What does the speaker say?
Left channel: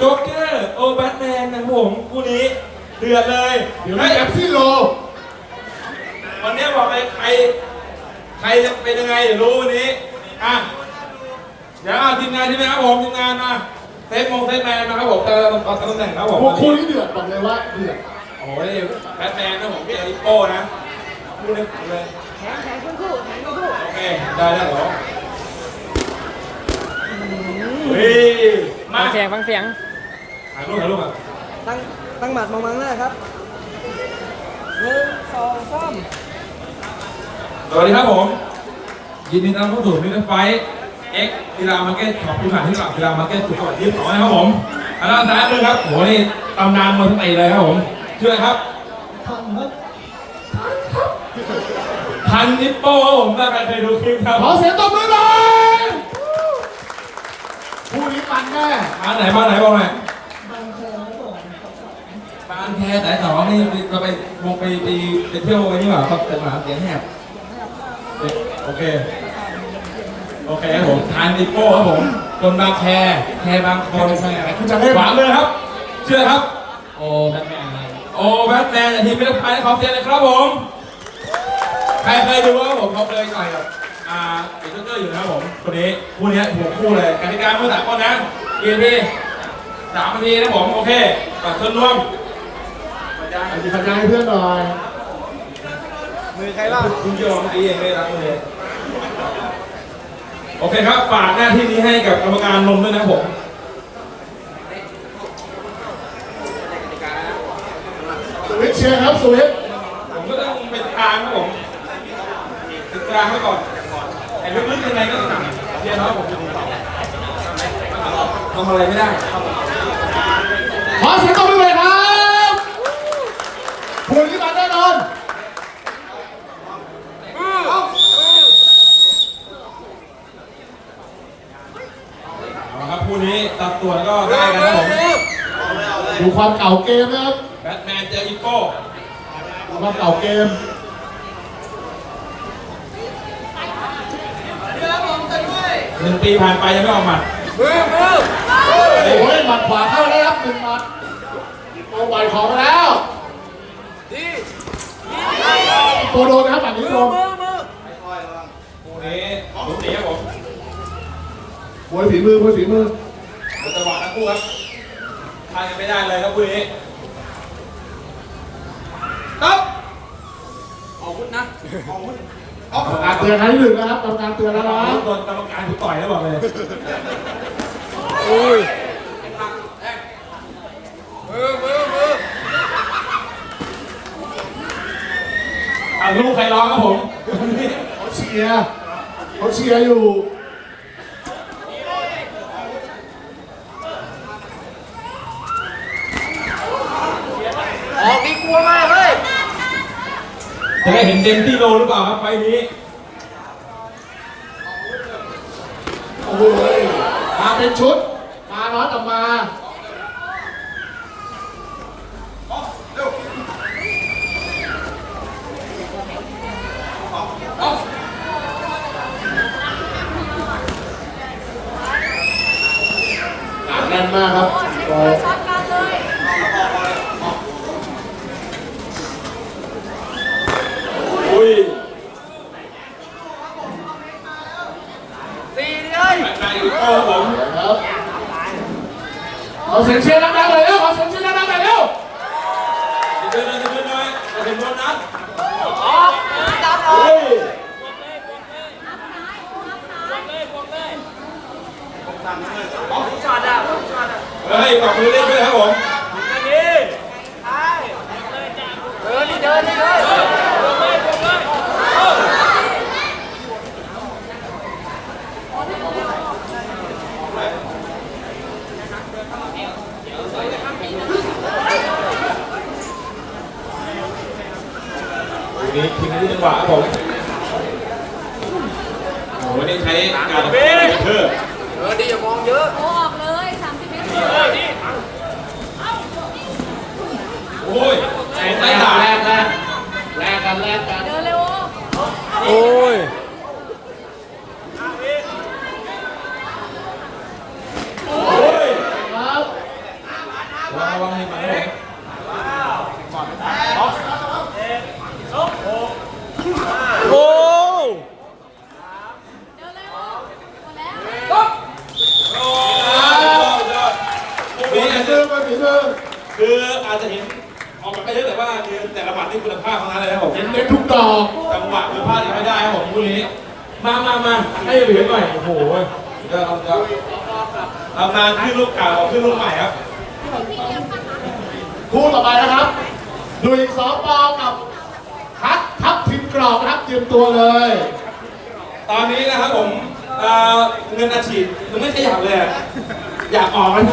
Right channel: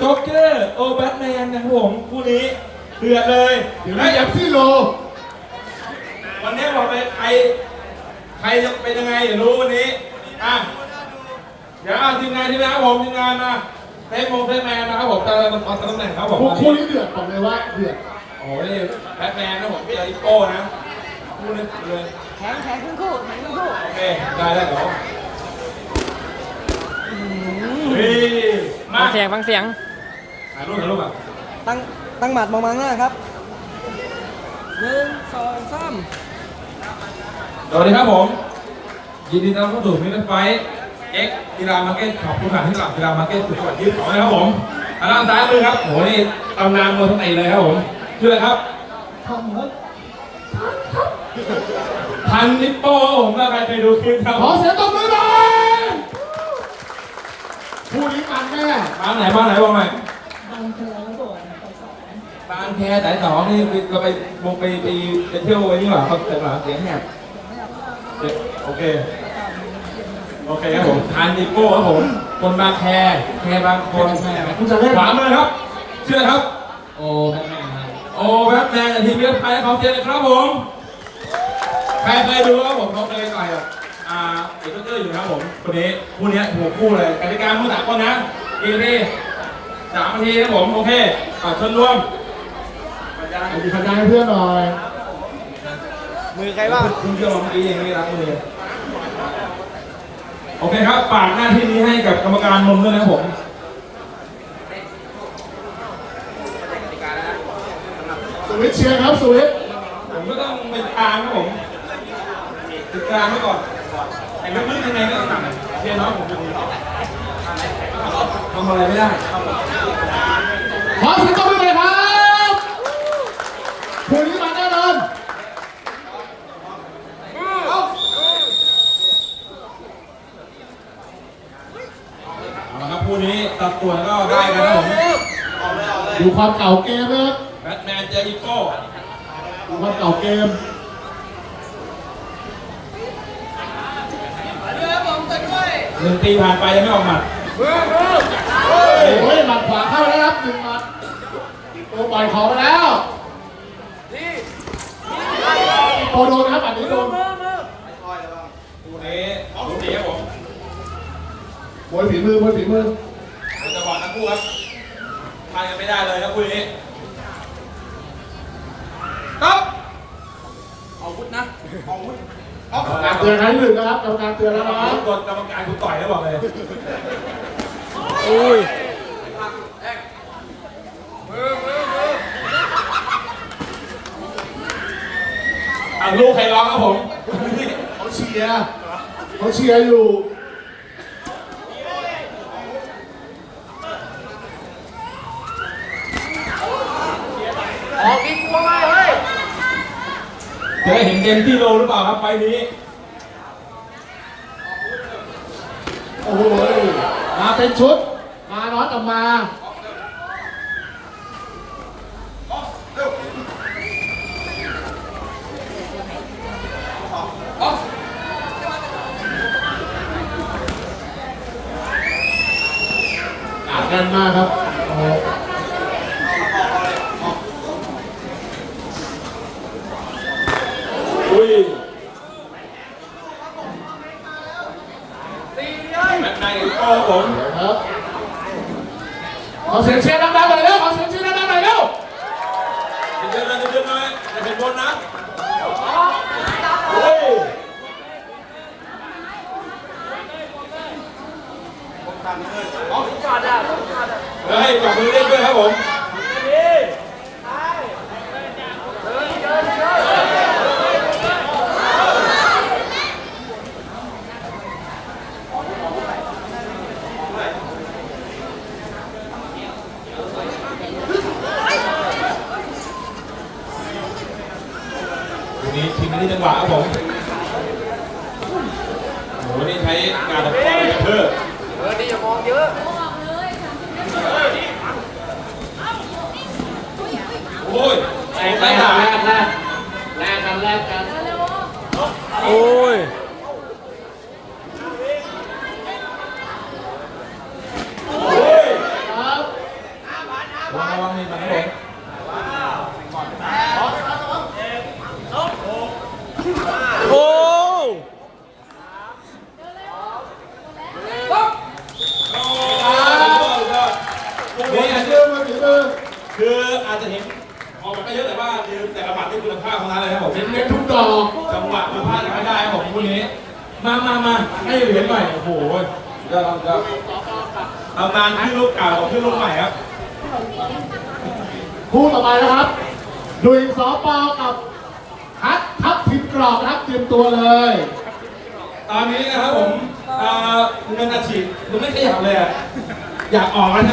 โจ๊กเกอร์โอแบทแมนนะครับผมคู่นี้เดือดเลยเดี๋ยวเฮ้นี้ยเอฟซีโลวันนี้บอกไปใครใครจะเป็นยังไงเดี๋ยวรู้วันนี้อะเดี๋ยวเอาทีมงานทีมงานครับผมทีมงานมาเซฟมงเซฟแมนนะครับผมเจอตำแหน่งครับผมพวกคู่นี้เดือดบอกเลยว่าเดือดโอ้ยแบทแมนครับผมเจออีโก้นะคู่นี้เลยโอเคได้แล้วเหรอเฮ้ยมาฟังเสียงฟังเสียง ถ่ายรูปถ่ายรูปอะตั้งตั้งหมัดมองมาข้างหน้าครับหนึ่งสองสามสวัสดีครับผม ยินดีต้อนรับเข้าสู่มิตรไฟเอ็กกีฬามาร์เก็ตขอบคุณผ่านที่ตลาดกีฬามาร์เก็ตสุดยอดยี่สิบสองนะครับผมอันด้านซ้ายมือครับโอ้โหนี่ตำนานมวยทั้งปีเลยครับผมชื่ออะไรครับพันนิปโป้ครับผมถ้าใครเคยดูคลิปครับขอเสียงตบมือหน่อยคู่นี้มันแน่บ้านไหนบ้านไหนบอกหน่อยบาง แคสายสองนี่เราไปวงไปไปไปเที่ยวไปนี่หว่าครับแต่ว่าเสียงแหบโอเค โอเคครับผมทานนิโป้ครับผมคนบางแคแคบางคนแม่คุณจะเล่นขวามือครับ เชื่อครับ โอ้แบทแมนครับโอ้แบทแมนจากทีมเวลไพและขอเสียงเลยครับผม ใครเคยดูครับผมเขาเคยต่อยกับอ่าเอกเตอร์อยู่นะครับผมคนนี้คู่นี้หัวคู่เลยกติกามือสามคนนะเกมที่สามนาทีนะครับผม โอเคก่อนเชิญร่วม สวัสดีคะแนนให้เพื่อนหน่อยมือใครบ้างคุณเจ้าเมื่อกี้ยังไม่รับมือโอเคครับฝากหน้าที่นี้ให้กับกรรมการนนท์ด้วยนะผมสวิช์เชียร์ครับสุวิตช์ผมก็ต้องเป็นกลางครับผมติดกลางไว้ก่อนแต่ลึกๆยังไงก็ต่ำเรียนน้อยผมจะดูต่อทำไหมทำอะไรไม่ได้ขอเสียงตบมือบ คู่นี้มันแน่นอนเอาละครับคู่นี้ตัดส่วนก็ได้กันครับผมดูความเก่าเกมนะครับแบทแมนเจออีโก้ดูความเก่าเกมหนึ่งปีผ่านไปยังไม่ออกหมัด โอ้ยหมัดขวาเข้าแล้วครับหนึ่งหมัดโปรปล่อยของมาแล้ว โปโดนนะครับหมัดนี้โดนคู่เของสีครับผมมวยฝีมือมวยฝีมือเป็นจังหวะทั้งคู่ครับทายกันไม่ได้เลยครับคู่นี้ครับเอาวุธนะเอาวุธกรรมการเตือนครั้งที่หนึ่งนะครับกรรมการเตือนแล้วนะโดนกรรมการกูต่อยแล้วบอกเลยอุ้ย เอา ลูกใครร้องครับผมเขาเชียร์เขาเชียร์อยู่จะได้เห็นเต็มที่โลหรือเปล่าครับไฟล์นี้ โอ้โหมาเป็นชุด มาน้อยออกมาห นาแน่นมากครับโอ้อุ้ยตีนี่เลยแบทแมนอีโก้ครับผมครับเอาเสียงเชียร์ดังๆหน่อยเร็วเอาเสียงเชียร์ดังๆหน่อยเร็ วันนี้ทีมนี้จังหวะครับผมโอ้โหวันนี้ใช้งานเพื่อนเออดีอย่ามองเยอะออกเลยสามสิบเมตรโอ้ยใช้งไม่หาแรกแล้วแรกกันแรกกันเร็วโอ้ยระวังให้มันแรงก่อน บแต่ละบาทนี่คุณภาพทั้งนั้นเลยครับผมเห็นกันทุกดอกจังหวะคุณภาพยังไม่ได้ครับผมคู่นี้ มามามาให้เหรียญหน่อย โอ้โหเดี๋ยวเราจะตำนานขึ้นลูกเก่าขึ้นลูกใหม่ครับ คู่ต่อมานะครับดุยสอปอกับฮัททับทิมกรอบนะครับเตรียมตัวเลย ตอนนี้นะครับผมเอ่อเงินอาชีพมันไม่ขยับเลยอะอยากออกแล้วนะ